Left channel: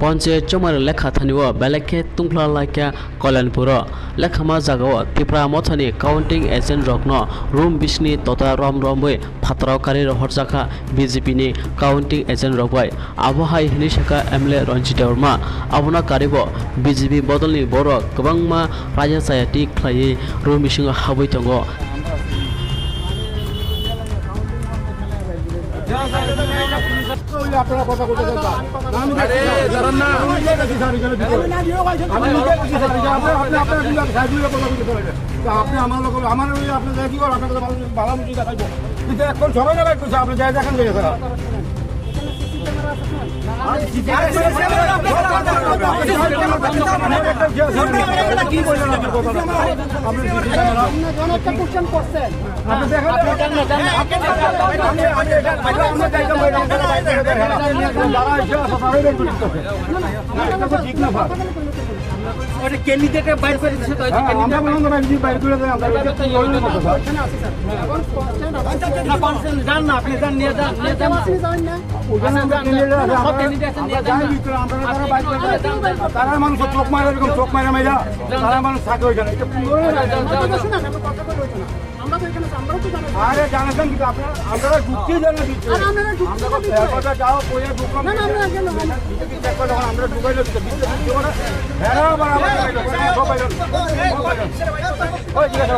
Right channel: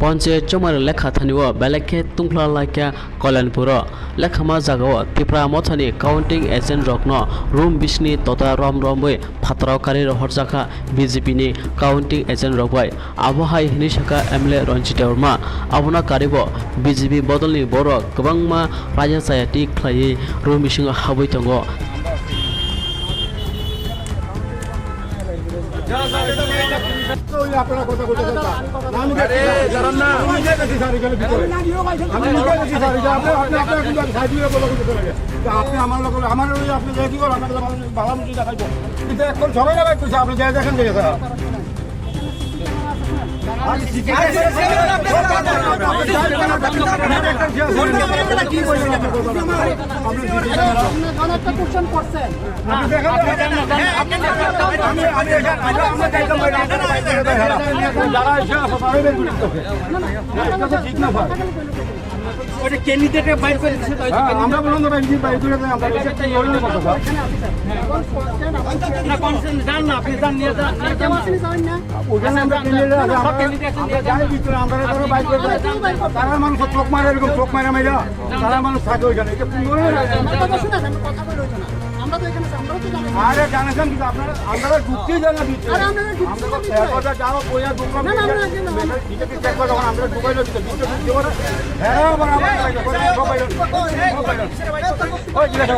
পঞ্চায়েত জমার লেখা থানিও বেলেকে তুংফ্লা লাইকা কল্যাণপুর লেখামা জাগাও ত্রিপুরা মথানি কাউন্টিং এজেন্ট রকন রুম বিশনি তথা রম রমबै ফাতরাवकारि हरजाखा बीजेपी नि काउंटिंग एजेंट रकबाय आबहाय हिनि शाखा एमएलए रंजित वर्मा आबना कारिबो बीजेपी बदलनि बर गोबांमा रायजायाति ख्लायै रुम बिसिङ हाबै दङ আপনারা কথা বলতে আমি জানান না আমি নিজে গেছি স্যার এখানে ভিতরে আমি নিজে গেছি স্যার আপনি আপনারা কিন্তু সাইড দিয়ে কথা বলতে পারেন আপনি আমার লোক আমার আপনি কি করেন আপনাদের ভালো মতো দেখাইবো কিন্তু এখন সবাই না কইছে আপনি যাই দেখেন যে স্যার ক্যান্ডিডেটে বাইর করে দিচ্ছে তো আমরা বলুন না কি বাইর করে দেন আমরা না কনসেন্ট জান না আপনি জান নিয়ে যান যান না ওখানে আমরা আমরা যাই ভিতরে আমরা ধরো বাইর করে তারা মানুষ চোখ মারে এরকম চোখ মারা মাইরা তারা মানুষ থাকে ওইখানে এটা কথা বলে হইতো না আমরা তো এখানে আমরাও তো জানি আরে জানেন কিন্তু আপনারা আমরা ঢুকতেই জানা দিচ্ছি আরে আমরা ঢুকতে কথা যাও কইয়া ঢুকলাম না আমরা গেল বিজেপি চেক করে যখন আমরা ঢুকাইলো দিতে বিজেপি কি করে হ্যাঁ বরাবর ওই জিজ্ঞাসা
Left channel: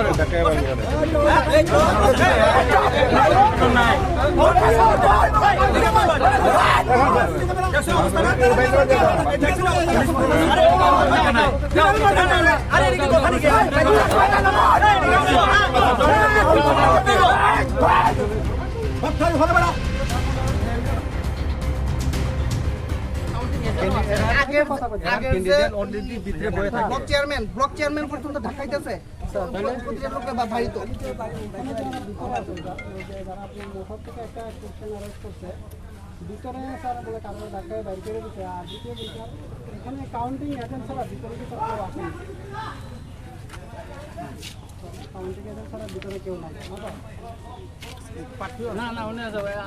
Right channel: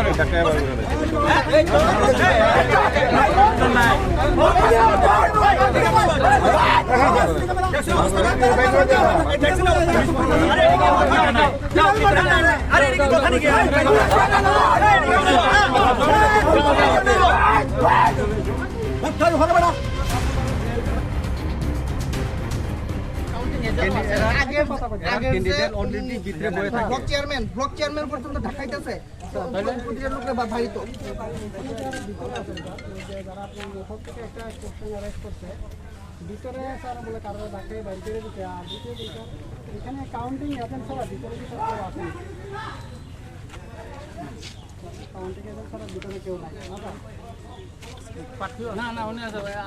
ব্লক চেয়ারম্যান পর্যন্ত ঢাকাইতেছে বাড়িতে ভিতরে স্যার বলে কারণে ঢাকায় বাইর করে দিতে আর দ্বিতীয় বিষয় এখানে কাউন্টিং এজেন্ট ছাড়া ভিতরে কি সব আসেনি কাউন্টিং এজেন্ট ছাড়া ভিতরে কেউ নাই না না উনি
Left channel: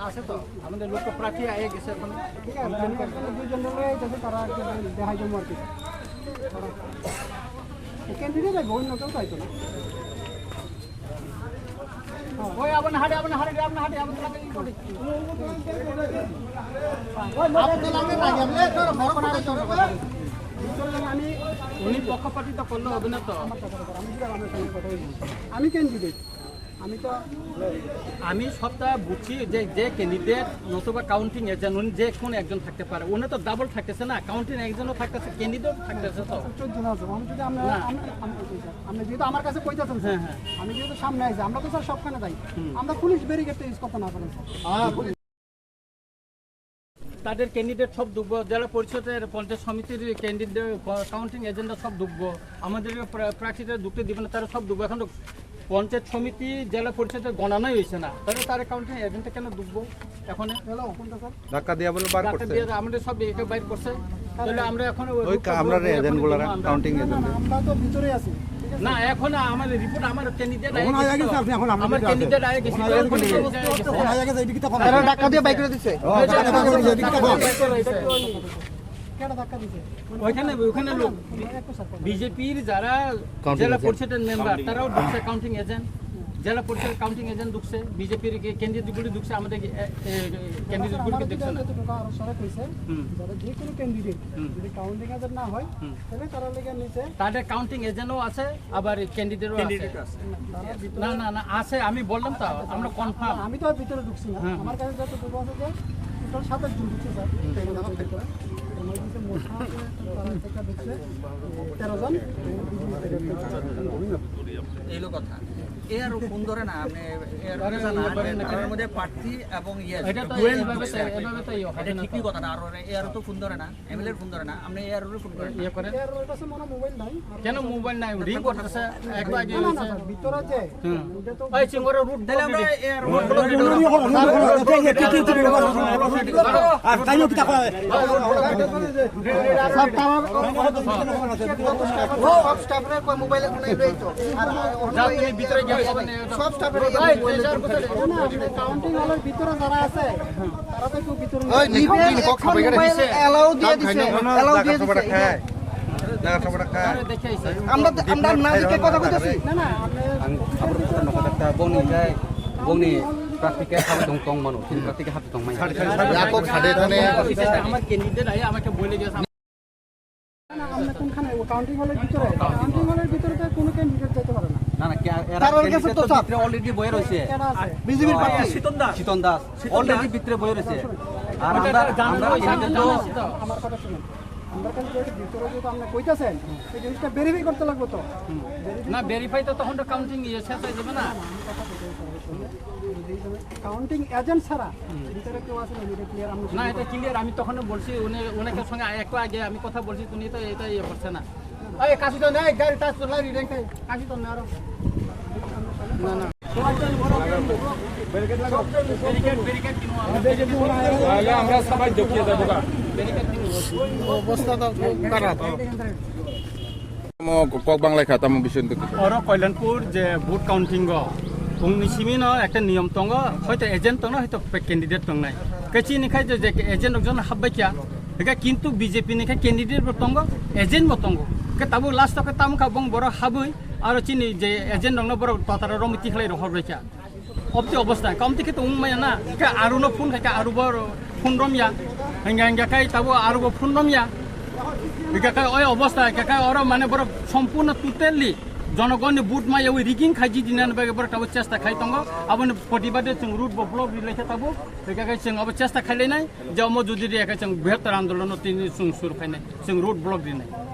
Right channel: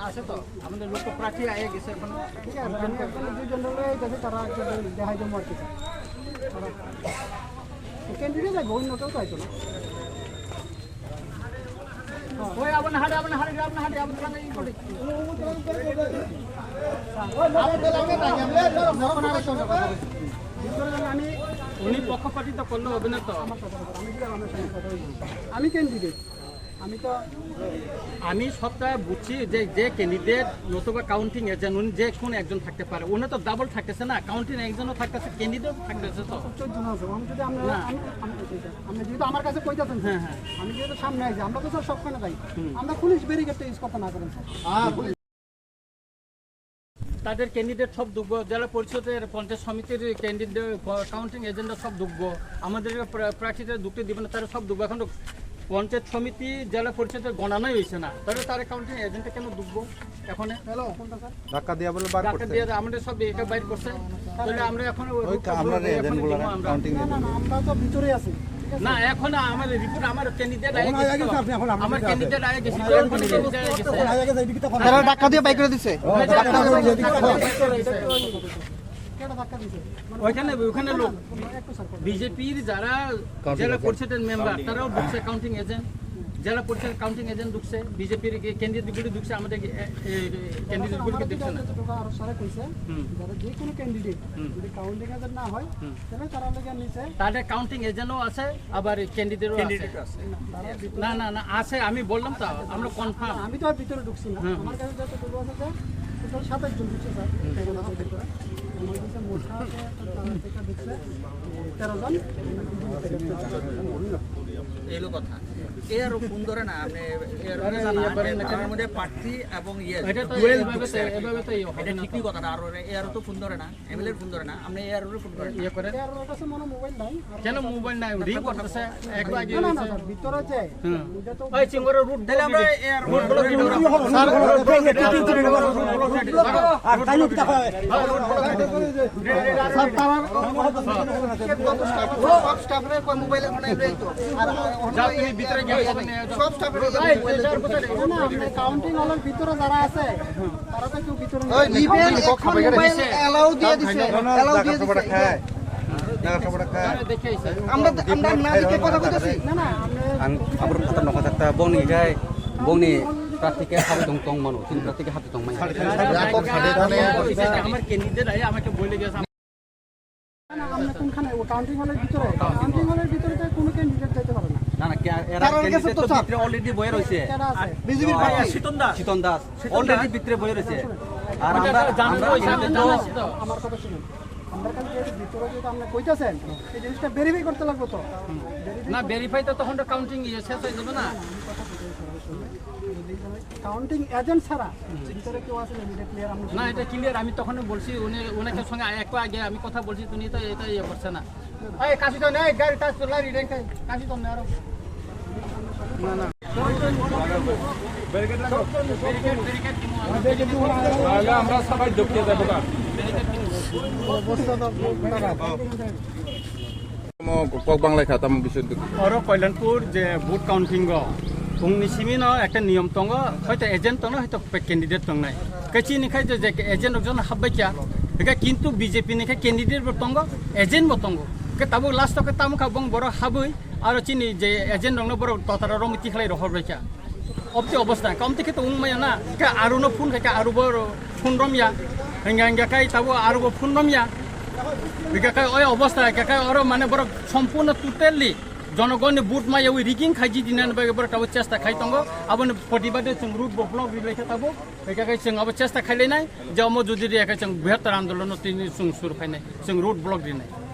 আছে তো আমাদের লোক প্রার্থী আয়ে গেছে এখন ঠিক আছে আমি একজন দুইজন যদি তারা দেখাই জমা আর কি তারা ক্যান্ডিডেট যাইব অন্য কেউ চাইতো না ওই আপনার হাটে আপনার হাটে আমি উনি পক্ষপাতিত্ব করলে হবে না তো আমি ক্যান্ডিডেট আমি সবটা বুঝছি যে যে ক্যান্ডিডেট নতুবা কাউন্টিং এজেন্ট উনি যে কোন একজন থাকতে পারে উনি তো ডাবল থাকতেছে না কাউন্টিং একজনও থাকতেছে ক্যান্ডিডেট থাকতেছে তো আমি যেহেতু আমার কাছে কইতাছেন হ্যাঁ হ্যাঁ আমি যেহেতু সামনে আইছি আমরা তো স্যার সবখানে যাই আমরা পুলিশ ব্যারিকেডটা ইউজ করতে না করেন তাদের ক্যান্ডিডেট সব ঢুকব জেলা পরিষদের পঞ্চায়েত সমিতির ক্যান্ডিডেট কাউন্টিং এজেন্টরা সব ঢুকবো আমাদের প্রার্থীদের ঢুকতে দিবে না তারা সব ঢুকবো এখন পঞ্চায়েত সমিতি জেলা পরিষদের গণনাই হয়েছে না তাহলে তারা কাউন্টিং এজেন্টে কেন ঢুকবো এখন ধাক্কা দিয়া বলে বার ধাক্কা দিয়ে আমাদের সব এটা বাইর করছে তাহলে আমরা এখন আমরা এজেন্ট বলে কাউন্টিং আমরা তো ভিতরে আছি না এখন আমাদের রিপোর্ট আমার ক্যান্ডিডেট আয়ে গেছে আমার ক্যান্ডিডেট আয়ে গেছে এখন ক্যান্ডিডেট আয়ে গেছে ধাক্কা দিয়ে বাইর করে দিছে ওইখানে লোক বিজেপির যারা জেলা পরিষদের মেম্বার তারাও ঢুকছে কাউন্টিং এজেন্ট জেলা পরিষদের কাউন্টিং এজেন্ট ঢুকছে বিজেপির ক্যান্ডিডেটগুলি ঢুকছে আমাদের ক্যান্ডিডেটগুলিকে দেখছে না যে কোনো ক্যান্ডিডেট যদি কাউন্টিং এজেন্ট না হয় তবে তারা লেগে নিচে তাদের কাউন্টিং এজেন্টও আছে আবার ক্যান্ডিডেটও আছে না না না আছে আমি বললাম তো আমরা কনফার্ম আমি তো আর ভিতরে ঢুকছি না আমার কাছে যত দুটো আছে যে টোটাল 27 জন ঢুকছে স্যার আমার কাছে মোটা আছে তারা ঢুকছে 13 জন এইলো কথা এর ফোন ধরে না আপনি এর মধ্যে প্রার্থী এবং এটা তো এইভাবে তো এটা ঠিকই কথা না আর এর তো ফোন ধরে না এমএলএ ফোন ধরে না আপনি এর ফোন করেন ইয়ে করেন এর কাছে মনে মোবাইল নাই কেন মোবাইল নাই রিং করতেছে একবার আগে না না ভিতরে যে এটা তো ওই চিঙ্গরে রুট দিলে আমরা এর রুট মোবাইল মানে এই তো আর ভিতরে কাউন্টিং হলের ভিতরে যারা আছে তারা তো কেউ ভিতরে এলাও দিয়ে দিছে আমার ক্যান্ডিডেট আই আমাকে বলে গেছে আমরা কোনখানে কাউন্টিং হলের ভিতরে কাউন্টিং হলের ভিতরে তো কোনো ক্যান্ডিডেট যাইতে পারে না না না এরা ক্যান্ডিডেট তো ভিতরে অলরেডি বয়ে রয়েছে বিজেপির শীতন দাস অলরেডি ভিতরে বয়ে রয়েছে আর আমার কথা শুনুন আমরা কাছে যে ভিতরে যেটা আপনি কইতাছেন এই জিনিসটা ভেরিফাই করতে লাগবে তো না ভেরিফাই তো তখন কাউন্টিং শেষ হয়ে যাবে না কাউন্টিং এজেন্ট ছাড়া ভিতরে কেউ আছে এটা ক্লিয়ার আমরা না এটা ক্লিয়ার আমি তখন বলছি উনাকে সঙ্গে একটু আগে আমি কথা বলছি তুমি তো এটা ইয়ে করছে না এই কাশি তো নাই গাড়ি টাচ তো লারি রেঙ্ক কাশি তো না আরো না না ব্যারিকেড দিমু আমরা আমরা সবাই দেখতে যাব কক বাংলায় খাতাম বিষয় অর কল্যাণপুর যে ভোট কাউন্টিং উনিশিমিন একটা নিয়ম দङ হয়তো এজেন্ট দङ হয়তো ক্যান্ডিডেট দङ নাই কেচিनिखाय যে এজেন্ট একজন হাববাইয়া হেকা কিন্তু বিজেপি নিखाय ক্যান্ডিডেট দङ এজেন্ট দङ কে তাবো লাস্ট কে তামখা বং বড় হাবই আর চিনি যে এজেন্ট দङ বড় ততারা রমিতি খালাই রহরবাইয়া অবতি অবস্থা কমতি কে তো উংমায়া না কে আরুনো ফোন খায় আরু বড় ফোন রমিয়া হেঙ্গা খায় তাবো আরু ফোন রমিয়া বিকাকায় ওই অবস্থা কাকায় ওর মানে বড় সম্পূর্ণ টোটালি জনগণ বুট মাই ওই রিগিং খাইজি দিনান বাগে বড় তাবো চেষ্টা খাই তঙ্গ আবন প্রতিবাদে जों রুট ব্লক রিলেখা তাবো বিকাকায় जों আবো চেষ্টা খাইলেনাই যে অম যদি রেখা जों বৃহত্তর আন্দোলন তিনি सुर फायनाय जों রুট ব্লক দিনাय